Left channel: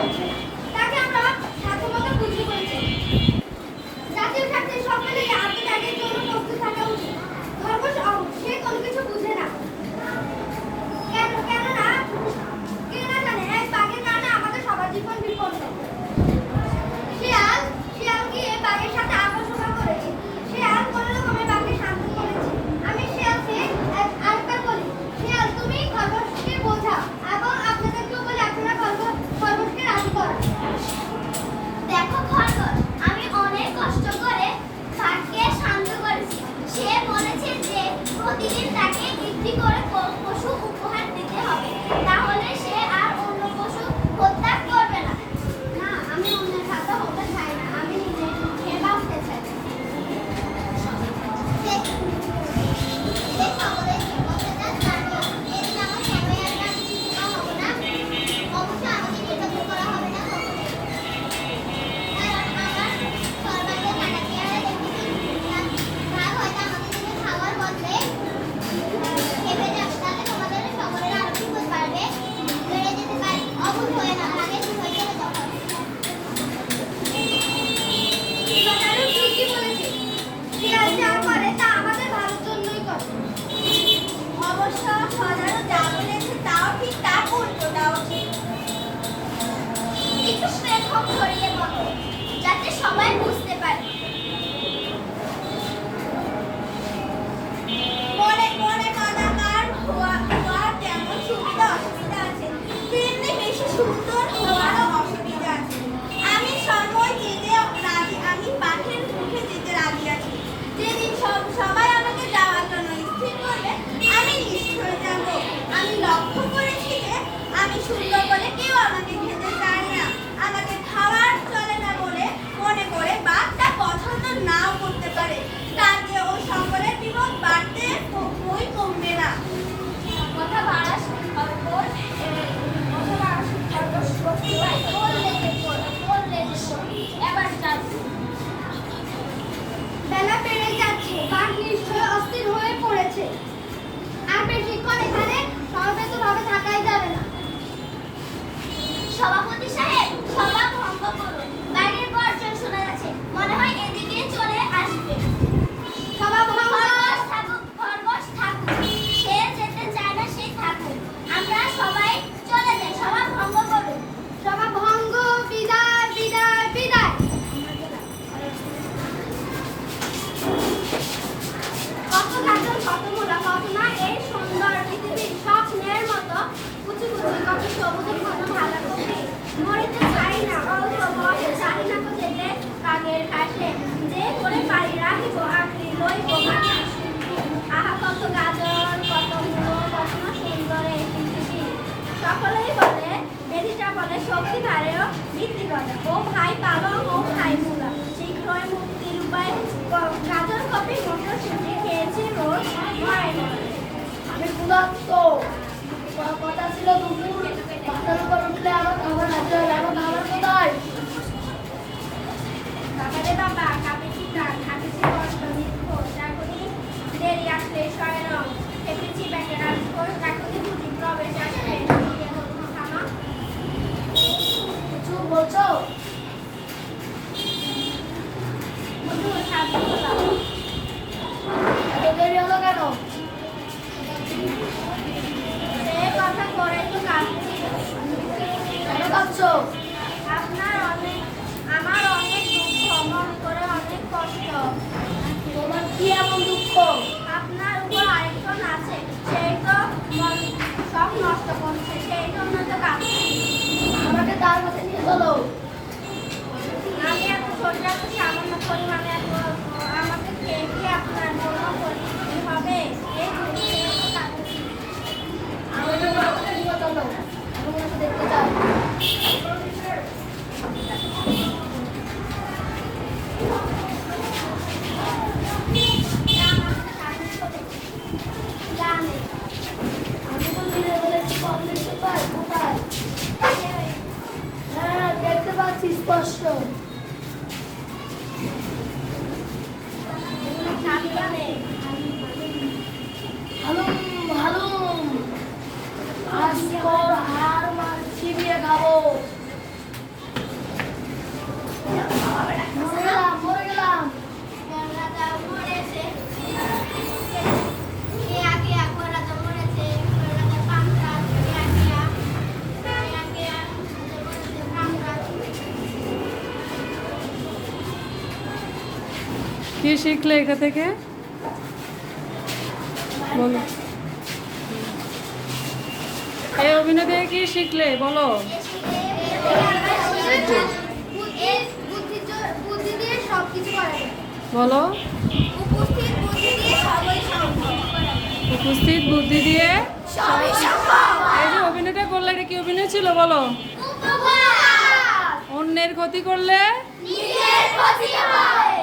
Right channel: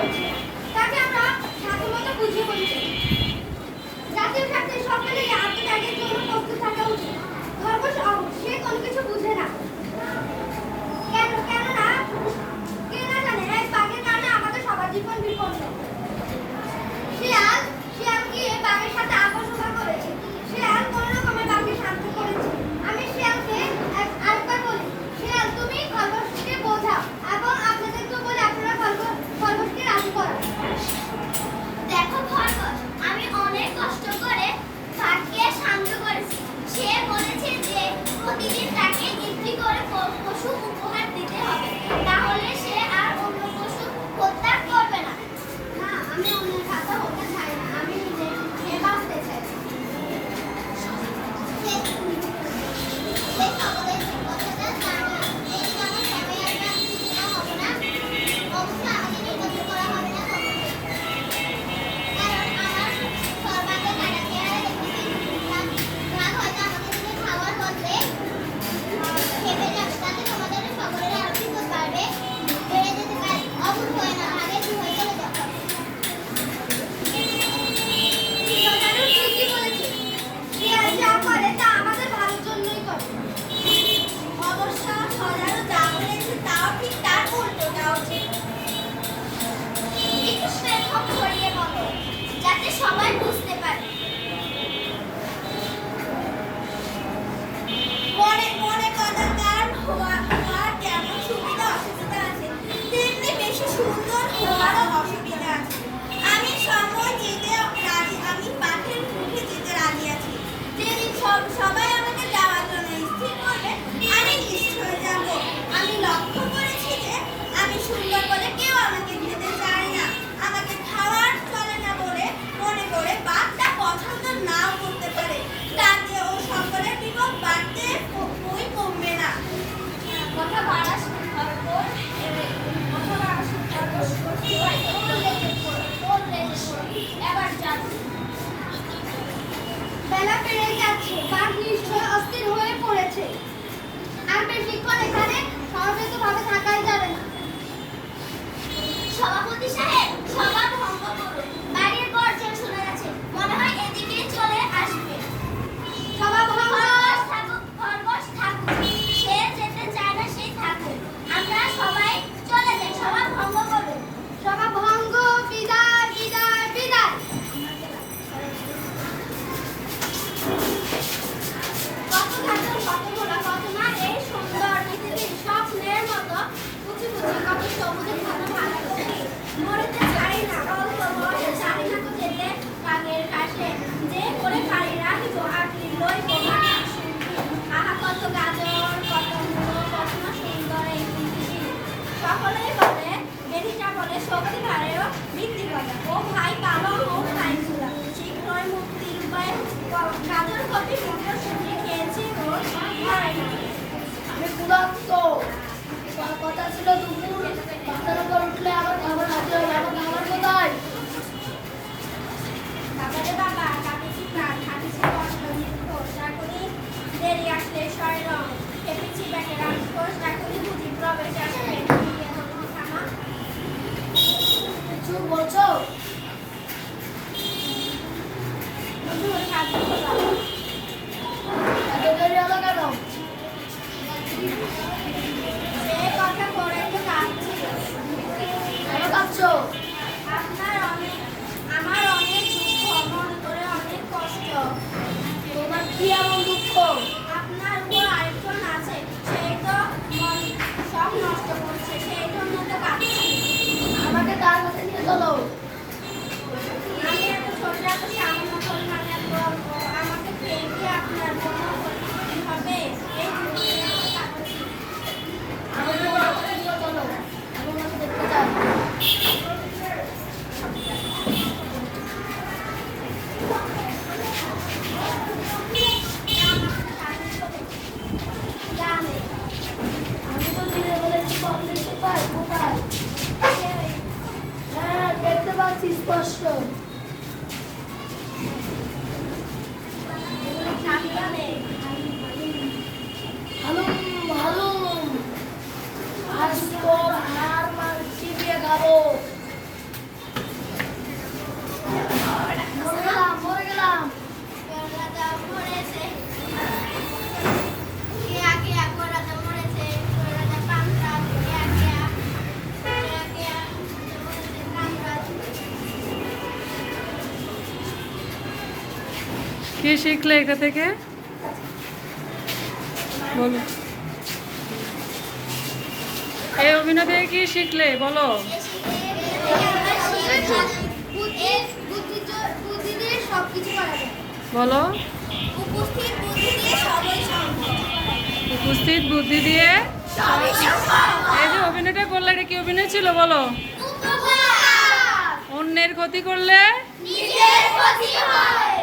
হচ্ছে না, তাকে আমরা সাধ্যমতো বুঝিয়ে বলছি। জাতীয় স্বার্থে সকলেই আত্মত্যাগের জন্য প্রস্তুত থাকা উচিত। খরগোশ সে কোনো কিছু বুঝে না। কেননা কে না জানে এক বাঘের কারণে আমাদের সবার জীবন বিপন্ন। শিয়াল গিয়ে বাঘের সাথে আপোষ করেছে। শিয়াল কোনো রকমে বাঘকে শান্ত করেছে। আমি শিয়ালকে আরেকবার বলি, শিয়াল তুমি খরগোশকে বোঝাও এবং আপনাদেরকেও বলে আপনারা খরগোশকে রাজি করো। দেখো খরগোশ, আমি অনেক কষ্ট করে বাঘকে শান্ত করেছি। সে বলেছে যে প্রতিদিন তাকে একটি করে পশু উপহার দিতে হবে, তাহলে সে আর অন্য পশু হত্যা করবে না। না, আমি অন্যের খাতা হতে চাই না, আমি নিজে খেয়ে বাঁচতে চাই। যাতে সবাই বুঝতে পারে। মনে কদাকার হওয়ার যেমন সুবিধা অসুবিধা আছে, তেমনি বেশি সুন্দর হওয়ারও অসুবিধা আছে। আমি সময় যেতে রাজি, আমি পাখির মুখে যেতে রাজি আছি। যেদিন সবাই আমাকে যাওয়ার জন্য স্থির করবে, আমি নিশ্চয় যাব। আমি লক্ষ্য করেছি যে আমি সুন্দর বলে কেউ আমাকে খেতে চায় না। আমাকে খাওয়ার চলে না বলে মনে করে বাঘটা পছন্দ নাও করতে পারে, তাতে ও সকলের বিপদ বাড়তে বই কমবে না। কথা বাড়াস খরগোশ, এবার যাচ্ছি। বেলা বেড়ে যাচ্ছে, বাঘ নিশ্চয় অস্থির হয়ে পড়েছে। আর বেশিক্ষণ এখানে সমবেতভাবে থাকাই যাবে না। সভাপতি সাহেব, সভা ভঙ্গ করুন। বাইরের গর্জন শোনা যাচ্ছে, মনে হয় এদিকে চলে আসবে। সভা ভঙ্গ। খরগোশ থাকুক, সে যেতে চায় না সে থাকুক। আমরা সবাই চলে যাই, সভা ভঙ্গ করুন। সভা ভঙ্গ। বিদায় বিদায় বিদায়। কত গাজন, কত মোড়া, কত না এই সুন্দর পৃথিবীর স্বপ্নের মতো কুচি কুচি কত সবুজের মতো ভালো কবি। মরিতে চাই না, অল্প বয়সে চাই না তো যেতে বাঘের কাছে, যে করে পারি রাখিব আঁকড়ি লইব মাটির শিল্পী। আহা কত গাজর, কত মূলো, কত না সুন্দর এই পৃথিবী। সকলেই বলে, বেটিটা বলে শক্তি ধারেও বৃদ্ধি করে। ও ভাই পালং, ও ভাই মূলা, শীঘ্রই মুক্তির উপায়। গাজর কপি মটর শুনে খেয়েছি রোজ ঘরে ঘরে। আমি ক্ষুধার্ত, কথা ছিল দুপুর, মাথার উপর উঠলে আবার খাবার হাতে হবে। এখন খাবার কোথায়? বাবারে বাবা, কাঁপেছি প্রাণ, হাঁটেছি কষ্ট নিত্য, চাকরি দেরি আসলে স্বরে রং, খেতেছি ব্যাকে রাজকোষ, চাকরি বুঝি প্রবেশ আসবে। খামা কিছু বলছো? এত দেরি হলো কেন? কথা করে তো কাঁদছি। কেন কাঁদছো? আমার অনেক দুঃখ, মনে করে অনেক কষ্ট। তোমার কি এমন দুঃখ? আপনার উপর আরেকজন আছে, সেই তো সব নষ্ট করছে, সেই জন্য তো কাঁদছি। আমাকে তার কাছে নিয়ে চলো। আমি এত ছোট এত সামান্য পরিমাণে আমাকে খেয়ে দিয়ে আপনার জন্য হবে এই কাঁদছি। চলো, এখন আমি দেখতে চাই। দেখতে পাচ্ছি স্পষ্ট। আজ তোর হাড় মাংস চিবিয়ে খাবো। কি শিখলে এটা থেকে বলো। এই অভিনয় থেকে কি শিখলে বলো। বুদ্ধি দিয়ে সবকিছু করা যায়। বলো। উপস্থিত বুদ্ধি দিয়ে সবই সম্ভব। উপস্থিত বুদ্ধি দিয়ে সবই সম্ভব। এই যে অভিনয়টা করলে এটা কি অভিনয় ছিল বলো। উপকার। অন্যের ক্ষতি করলে নিজের ক্ষতি হয়।